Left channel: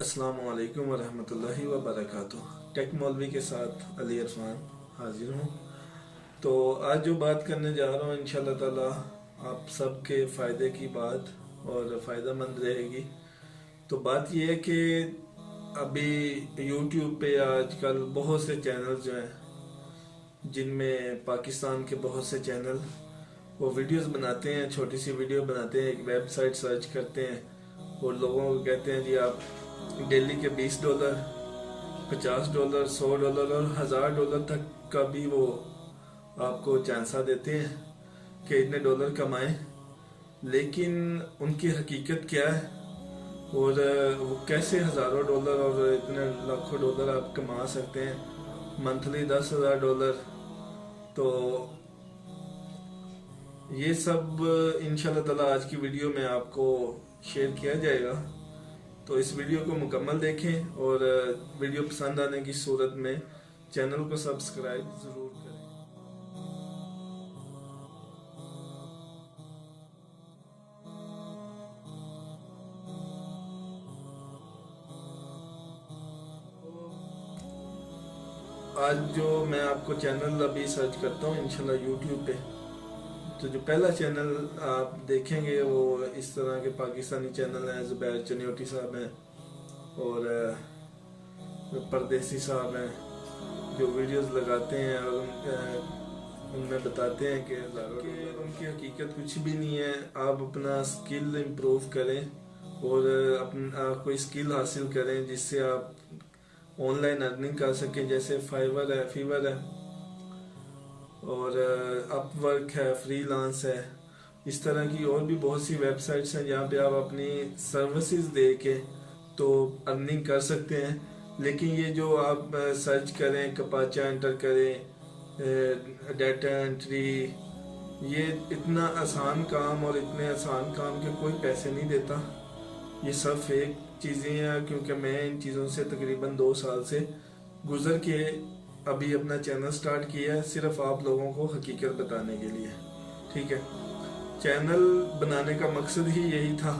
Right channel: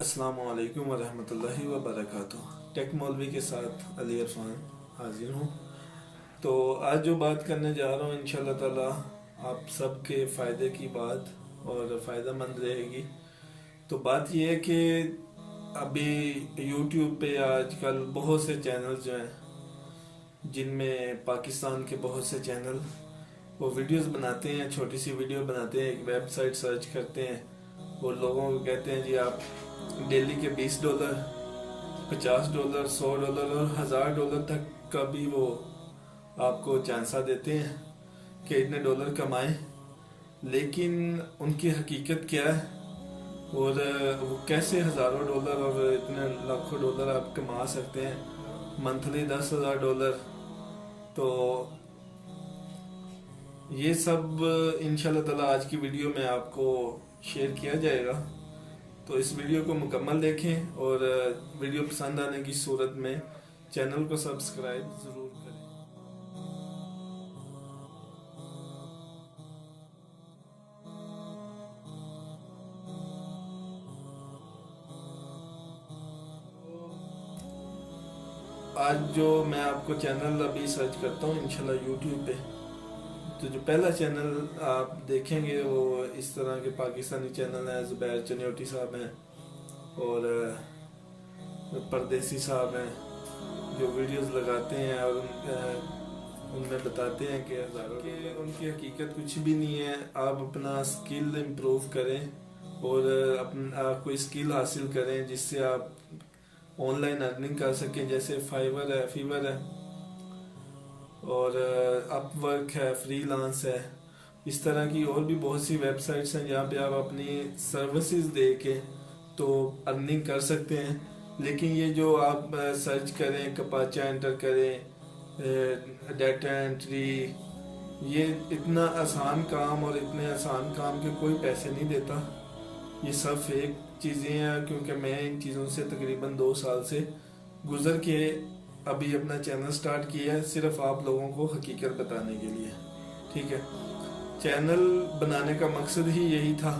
अस्सलामु अलैकुम वरहमतुल्लाहि वबरकातुह। टेक मौलवी के साथ अली इरफान हाजिर हूँ। तो आज जो बात करने जा रहा हूँ इंशाल्लाह ताला आप सबके फ़ायदे की बात और फ़ायदा मंद रहेगी। तो बात यह है कि अभी यूट्यूब पे आजकल बहुत से चैनल जो हैं जिनमें पाकिस्तान के बहुत से चैनल वो वीडियोस बनाते हैं, छोटी सी वीडियो बनाते हैं, एक वेबसाइट सर्च करते हैं और लोगों को कहते हैं जी आप डेली के $20, $50, $100 और $1000 तक का भी वो आपको चांसा देते हैं कि इतने डॉलर कमाएं। लेकिन उनकी हकीकत क्या है और वो कैसे हज़ारों डॉलर और इतने लाखों डॉलर आप कमा सकते हैं मंथली $10,000। तो ये सब इंशाल्लाह ताला आज की वीडियो में आपको शेयर किया जाएगा। तो इस वीडियो को मुकम्मल देखें और वीडियो पसंद आने की सूरत में चैनल को सब्सक्राइब ज़रूर करें। आज जो मैं आपको चैनल अभी सर्च करता हूँ इंशाल्लाह यूट्यूब पे, तो जो पहला चैनल आप देखेंगे वो इस तरह के पाकिस्तानी चैनल हैं। ज़ुबैर चनियोटी साहब हैं और परदेसी साहब हैं जो वीडियोस लगाते हैं और उनमें बताते हैं कि उनकी हकीकत कुछ भी नहीं है। आप अपना स्किल इम्प्रूव करें और अपना कोई स्किल हासिल करें जिससे आप ऑनलाइन अर्निंग कर सकें। जैसे फाइवर है, फीवर है और अपवर्क है, फ्रीलांस है। इस तरह की और भी बहुत सी वेबसाइट्स हैं जहाँ पे आप अपनी सर्विसेज दे के तो अर्निंग कर सकते हैं। लेकिन ये जो आप सर्च करें, कपाचा एंटर करें, डाटा एंट्री, ये इतना आसान काम और इतने आसान काम के कोई पैसे नहीं देता। ये सब फेक चीज़ें हैं क्योंकि मैं इन चीज़ों से तकरीबन 2 साल से गुजर के अभी अपना चैनल स्टार्ट किया है, सिर्फ आप लोगों को हकीकत बताने के लिए। ठीक है, चैनल बनाने का मकसद ही यही था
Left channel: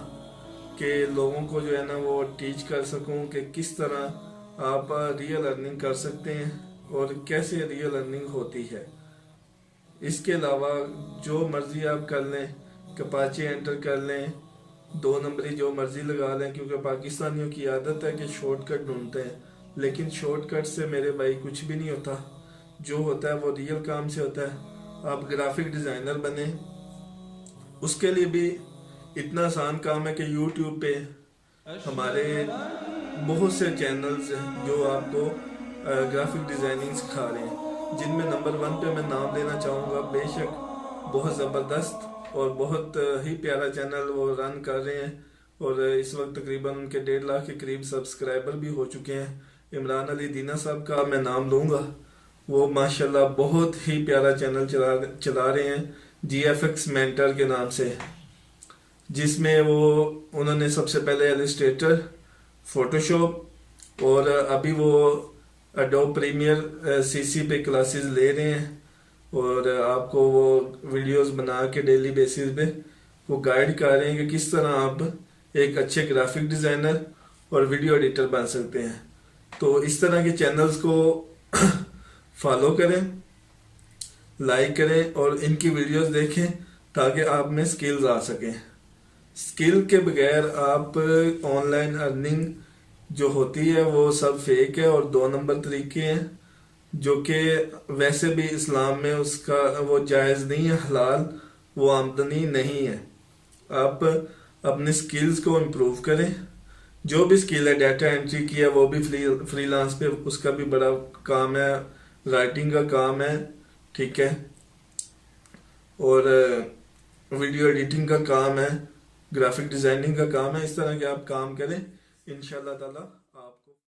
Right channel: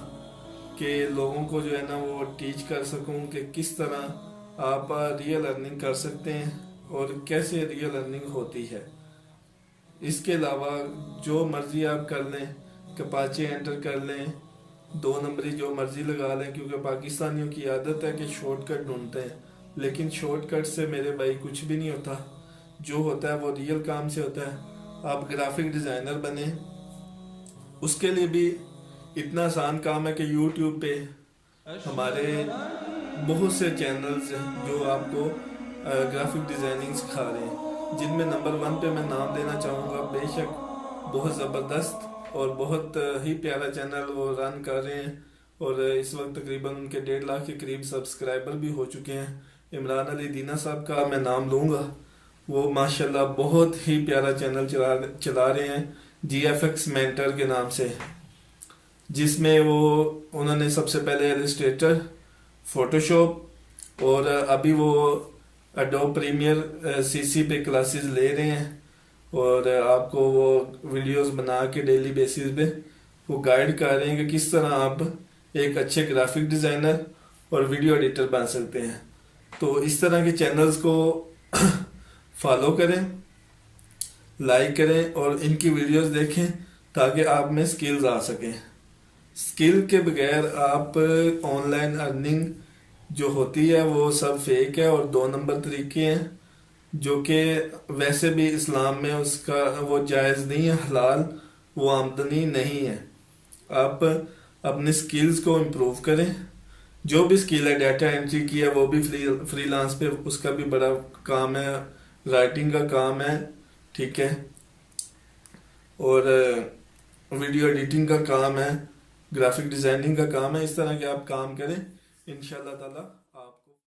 कि लोगों को जो है ना वो टीच कर सकूं कि किस तरह आप रियल अर्निंग कर सकते हैं और कैसे रियल अर्निंग होती है। इसके अलावा जो मर्जी आप कर लें, कपाचे एंटर कर लें, 2 नंबरी जो मर्जी लगा लें, क्योंकि पाकिस्तानियों की आदत है कि शॉर्टकट ढूंढते हैं। लेकिन शॉर्टकट से मेरे भाई कुछ भी नहीं होता। जो होता है वो रियल काम से होता है। आप ग्राफिक डिज़ाइनर बने, उसके लिए भी इतना आसान काम है कि यूट्यूब पे हमारे बहुत से चैनल्स हैं जो आपको ग्राफिक डिज़ाइनिंग सिखा रहे हैं, जिनमें नंबर 1 पे मैं नाम देना चाहूँगा। बेशक बहुत ज़बरदस्त और बहुत ही प्यारा चैनल वो रन कर रहे हैं और इस वक्त तकरीबन उनके 1.5 लाख के करीब सब्सक्राइबर भी हो चुके हैं। इमरान अली दीना साहब का मैं नाम लूँगा, वो माशाल्लाह बहुत ही प्यारा चैनल चला रहे हैं GFX मेंटर के नाम से, जिसमें उन्होंने सबसे पहले इलस्ट्रेटर, फोटोशॉप और अभी वो एडोब प्रीमियर CC पे क्लासेस ले रहे हैं और आपको वो वीडियोस बना के डेली बेसिस पे वो गाइड कर रहे हैं कि किस तरह आप एक अच्छे ग्राफिक डिज़ाइनर और वीडियो एडिटर बन सकते हैं। तो इस तरह के चैनल्स को फॉलो करें, लाइक करें और इनकी वीडियोस देखें ताकि आप में स्किल्स आ सकें। स्किल के बगैर आप ऑनलाइन अर्निंग जो होती है वो सब फेक है और 2 नंबर तरीके हैं जो कि वैसे भी इस्लाम में उसका वो जायज़ नहीं है, हलाल वो आमदनी नहीं है। आप अपने स्किल्स को इम्प्रूव करें। जो भी स्किल है, डाटा एंट्री की है वो भी फ्रीलांस पे उसका भी बड़ा काम है, राइटिंग का काम है, ठीक है, और वीडियो एडिटिंग का काम है, ग्राफिक डिज़ाइनिंग का काम है। इस तरह के आप काम करें इंशाल्लाह ताला